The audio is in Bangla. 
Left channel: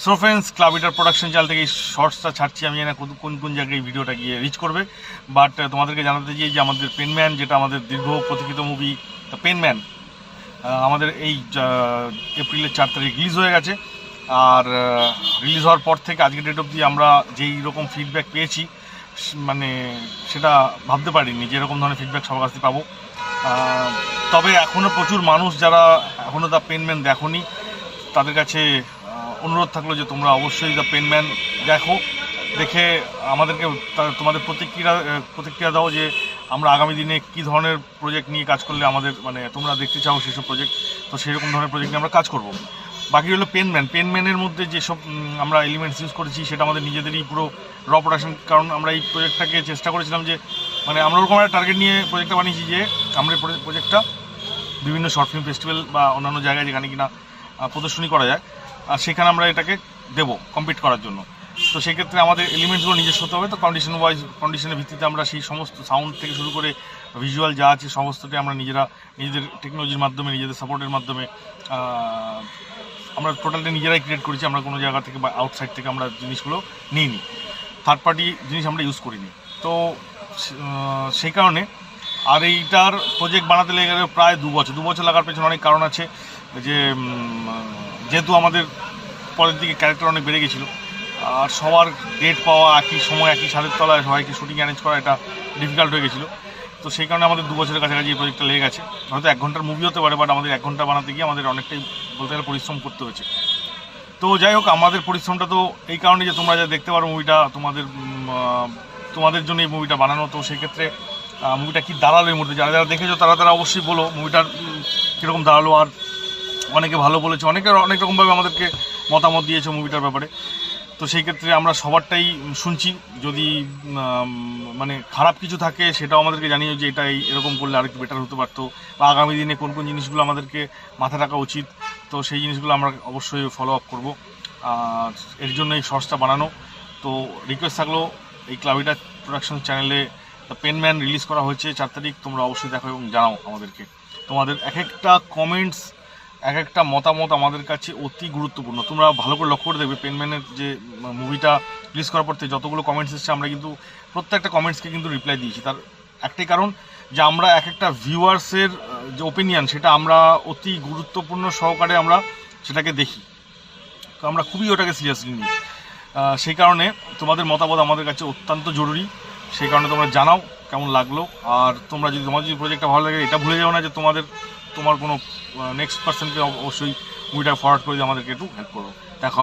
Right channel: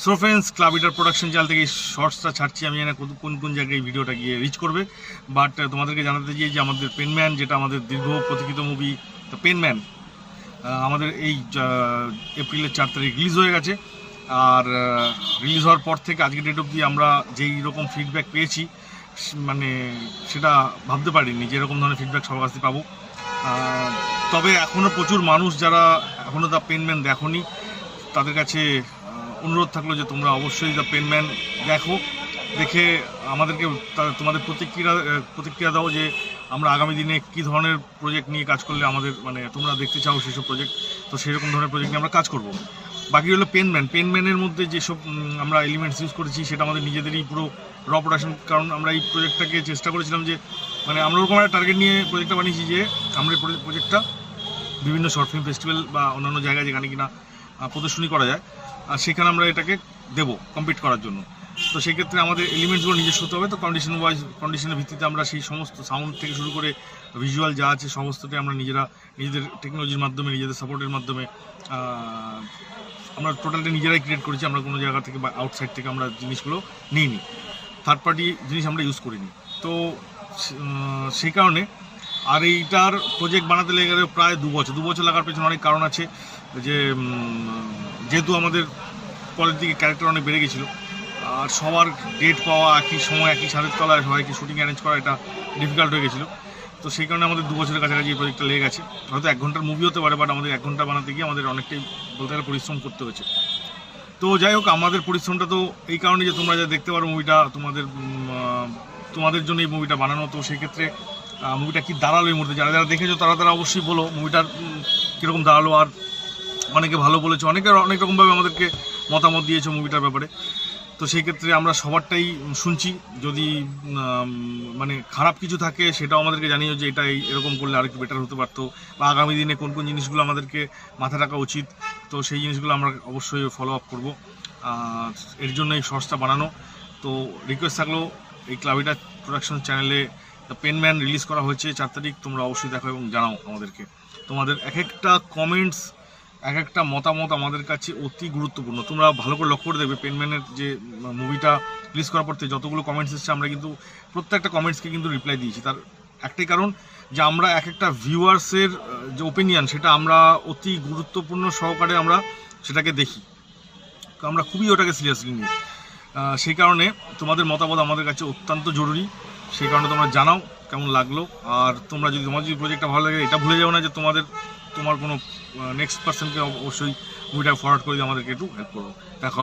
সো ফ্রেন্ডস, ক্লাব ইটার প্রোডাকশন চ্যানেল থেকে এই শর্টসটা ছাড়ছি। আমি জানি না কোন কোন জায়গায় এই ভিডিওটা গিয়ে রিচ করবে, বাট তোমাদেরকে জানাতে চাই যে আমাদের পেনম্যান, যেটা আমাদের দীর্ঘ প্রতীক্ষিত মুভি দ্য পেনম্যান, আমাদের এই এপ্রিলের 4 তারিখ রিলিজ হয়ে গেছে। আর রিলিজ হওয়ার পর থেকে আজকের ডেট অবধি আমরা যেই রকম ফিডব্যাক পেয়েছি, মানে সেটা ভাবতে পারিনি যে এরকম ধরনের ফিডব্যাক সবার কাছ থেকে পাবো। তবে এখনও প্রচুর মানুষ যারা এখনও দ্য পেনম্যান দেখোনি, তাদের কাছে অনুরোধ থাকলো যে তোমরা অবশ্যই দ্য পেনম্যান দেখো, দেখে আমাদেরকে তোমাদের প্রতিক্রিয়া দাও যে আমরা আগামী দিনে কী ধরনের প্রজেক্ট নিয়ে কাজ করলে আমাদের মানে তোমরা দেখতে চাও সেসব প্রজেক্ট। তো সেরকম ধরনের প্রজেক্ট নিয়ে আমরা কাজ করব। বাকি হলো পেনম্যানের মধ্যে যেসব আমরা এলিমেন্টস ইউজ করেছি সেটা আমাদের নিজেদেরই পুরো র প্রোডাকশন। কারণ আমরা এই প্রজেক্টটাকে চেষ্টা করেছিলাম যে মানে আমরা ওরকম একটা টার্গেট নিয়ে প্রজেক্টটা বানিয়েছি যে আমরা প্রজেক্টটা বিভিন্ন শর্ট ফিল্ম ফেস্টিভ্যাল বা অন্যান্য জায়গায় যেখানে কিনা প্রদর্শনী করা যায়, আর সেখানে আমরা এটাকে দেবো কমপ্লিট করার জন্য। তো সেক্ষেত্রে আমাদের এলিমেন্টসগুলো নিজস্ব হতে হবে। তো কন্ডিশনের ভিত্তিতে আমরা সেই সমস্ত সাউন্ড থেকে শুরু করে ভিজুয়াল যা আছে সমস্তটাই আমরা নিজেদের টেকনোলজির মাধ্যমে, নিজেদের সাপোর্টের মাধ্যমে আমরা টোটালটা নিজেরাই ক্রিয়েট করেছি। আমরা কোনো জায়গা থেকে বা আউটসাইড থেকে আমরা জিনিসগুলো নিইনি, থার্ড পার্টি জিনিস আমরা ইউজ করিনি। তো সেই কারণে আর এইটার প্রজেক্ট বানাতে লেগে গেলে প্রায় 2 বছর লাগার পেছনে অনেক কারণ আছে। যে যেহেতু আমাদের পরের দিকে ক্যারেক্টার অনেক বেড়ে গেছিলো, আর সবার ডেট পাওয়া একই সময় একই ছাদের তলায় সবাইকে শুটিং অ্যারেঞ্জ করা এটা ডিফিকাল্ট হয়ে গেছিলো। তো সেই কারণে আমাদের 2 বছরের কাছাকাছি এই প্রজেক্টটা লেগে গেছে। হয়তো 1 ঘন্টার মুভি হতে পারে, বাট আমাদের 1 ঘন্টা বানাতে গিয়ে আমাদের অনেকটাই বলতে গেলে পরিশ্রম করতে হয়েছে। তো যাই হোক, আমাদের পরিশ্রমটা তো এই কারণে যে তোমরা যা দেখতে পারো মুভিটা তোমাদের জন্য এই মুভিটা বানানো। তো সেই ক্ষেত্রে মুভিটা কী দাঁড়ালো এই মুহূর্তে, যারা দেখেছো তারা অবশ্যই বলো মুভিটার কীরকম দাঁড়ালো। আর অনেকে ভালো বলেছে, অনেক রকমভাবে আমাদেরকে মতামত দিয়েছে মুভিটার ব্যাপারে। তো সেই ক্ষেত্রে আমরা সবারটাই শুনছি। যদি মানে খারাপ কিছু থাকে সেটাও আমাদেরকে জানিও যে এটা এরকম করলে আরেকটু বেটার হতে পারতো, বা আগামী দিনে কোন কোন জিনিসগুলো আমাদেরকে মাথায় রাখা উচিত। তো সেই জিনিসগুলো আমরা অবশ্যই ফলো আপ করবো। আর এর জন্য এই শর্টসটা বানানো। তো রিকোয়েস্ট থাকলো, এই ক্লাব ইটার প্রোডাকশন চ্যানেলে দ্য পেনম্যান রিলিজ করা হয়েছে 4 তারিখ। তোমরা অবশ্যই দেখো এবং জানাও আমাদেরকে। তোমাদের এক একটা কমেন্টস, এক একটা মতামত আমাদের কাছে অতি গুরুত্বপূর্ণ। তোমরা ভালো করে লক্ষ্য করে দেবে, পেনম্যানের যে মুভিটা রিলিজ করার পর থেকে যতগুলো কমেন্টস এসেছে, আমরা কিন্তু প্রত্যেকটা কমেন্টসকে কিন্তু রিপ্লাই দিয়েছি। তার একটাই কারণ যে আমরা এক একটা ভিউয়ার্সের যে ওপিনিয়ন, সেটা আমরা অতি গুরুত্বপূর্ণ সহকারে আমরা সেটাকে দেখি। তো আমরা খুবই ওটাকে সিরিয়াসলি নিই। সেই কারণে তোমাদের মতামত আমাদের কাছে অত্যন্ত জরুরি। সেই কারণে তোমরা জানাও কেমন লাগলো। আর তোমার যদি প্রজেক্টটা ভালো লাগে, এটা ভুলে যাও না যে তোমার কোনো নেক্সট পার্সনকে অবশ্যই মুভিটা ফরওয়ার্ড করে দিয়ে আমাদেরকে একটু হেল্প করো। দেখা